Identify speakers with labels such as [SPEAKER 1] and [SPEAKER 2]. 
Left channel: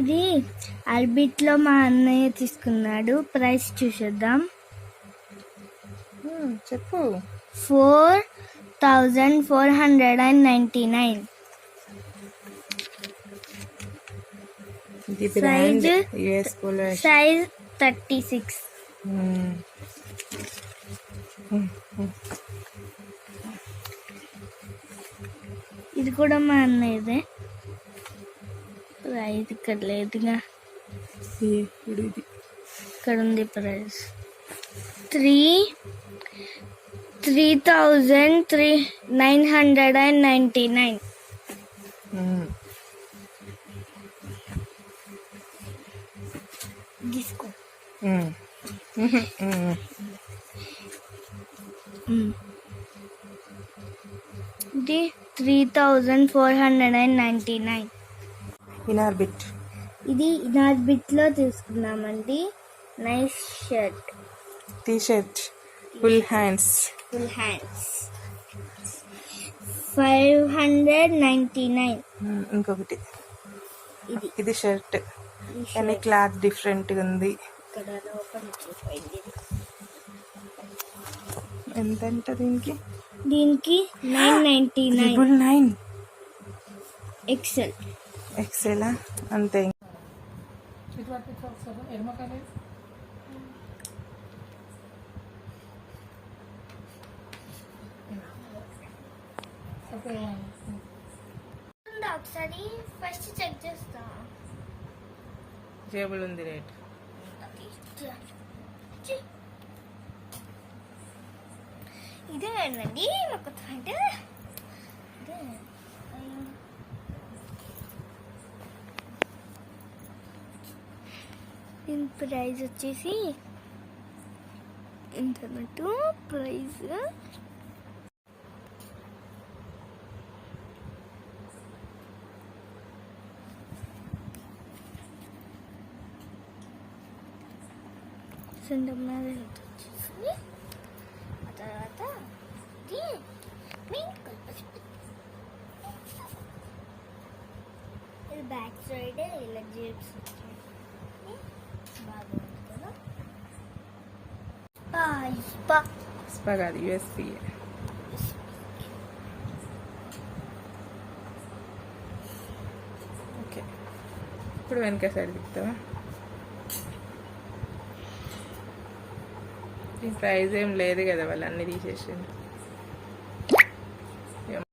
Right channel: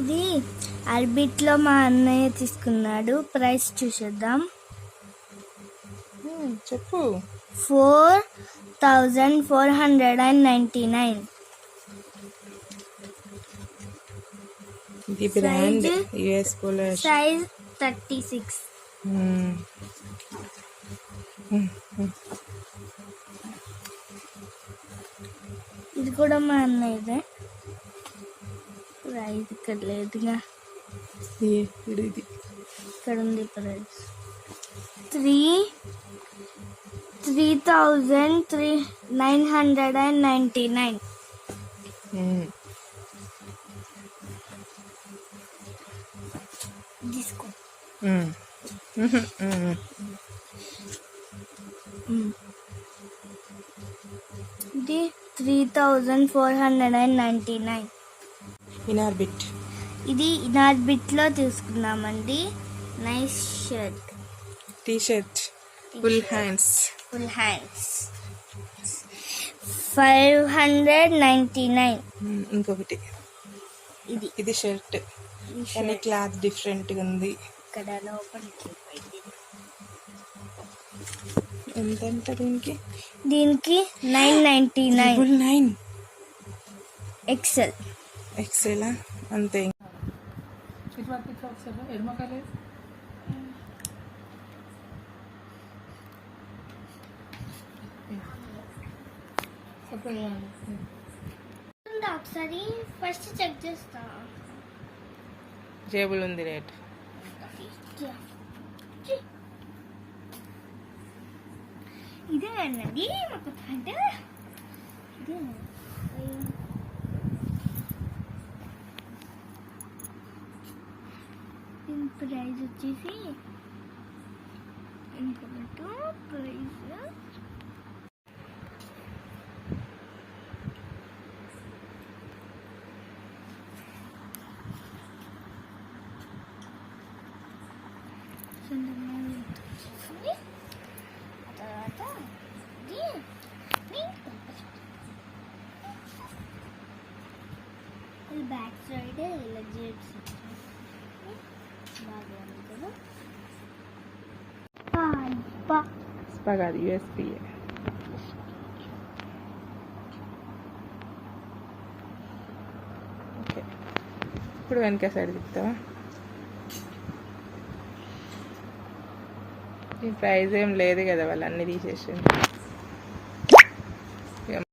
[SPEAKER 1] ఇది అర్బిట్లో మా అన్నయ్య తీసుకున్నాడు. ప్రైస్ చూసేద్దాం.
[SPEAKER 2] చెప్పు.
[SPEAKER 1] Four thousand four hundred and ninety nine.
[SPEAKER 2] ఇది brand? US
[SPEAKER 1] size thirty six. ఇది కూడా మా అన్నయ్యదే. ప్రైస్ ఇక్కడ లేదుగా.
[SPEAKER 2] ఇది.
[SPEAKER 1] ఇక్కడ ఉంది price three three thousand three nine hundred and ninety nine. తీసుకో. ఇది three thousand four hundred and ninety nine.
[SPEAKER 2] Inorbit.
[SPEAKER 1] ఇది ఇనార్బిట్లో తీసుకున్నామండి nice shirt.
[SPEAKER 2] T shirt full hands.
[SPEAKER 1] Full hands. Five hundred ninety nine.
[SPEAKER 2] ఇంకొకటి.
[SPEAKER 1] ఇది.
[SPEAKER 2] ఇది షర్ట్. కానీ
[SPEAKER 1] shirt.
[SPEAKER 2] Cloth డిఫరెంట్గా ఉంది. ఎంత అంట దీనికి?
[SPEAKER 1] దీనికి nine ninety nine.
[SPEAKER 2] Nine
[SPEAKER 1] XL
[SPEAKER 2] ఎక్సెలా అంతే
[SPEAKER 1] ఒకసారి ఫస్ట్ చెక్ చేస్తా
[SPEAKER 2] జేబుల్ ఉంది రేట్
[SPEAKER 1] ఇదే అన్నది ఒక థాట్ ఇదే ప్రైజ్ వచ్చేసి ఎంత అన్నట్టు ప్రైస్ వచ్చేసి ఆ తర్వాత ఇది బ్యాక్ సైడ్ ఇలా జేబ్స్ కదా పా
[SPEAKER 2] కాదు యుఎస్పి ఓకే ఇప్పుడు వెనక సైడ్ తిప్పుతావా? ఈ ప్రైజ్ ఏం లేదు కదా వాళ్ళు అన్ని తీసేసి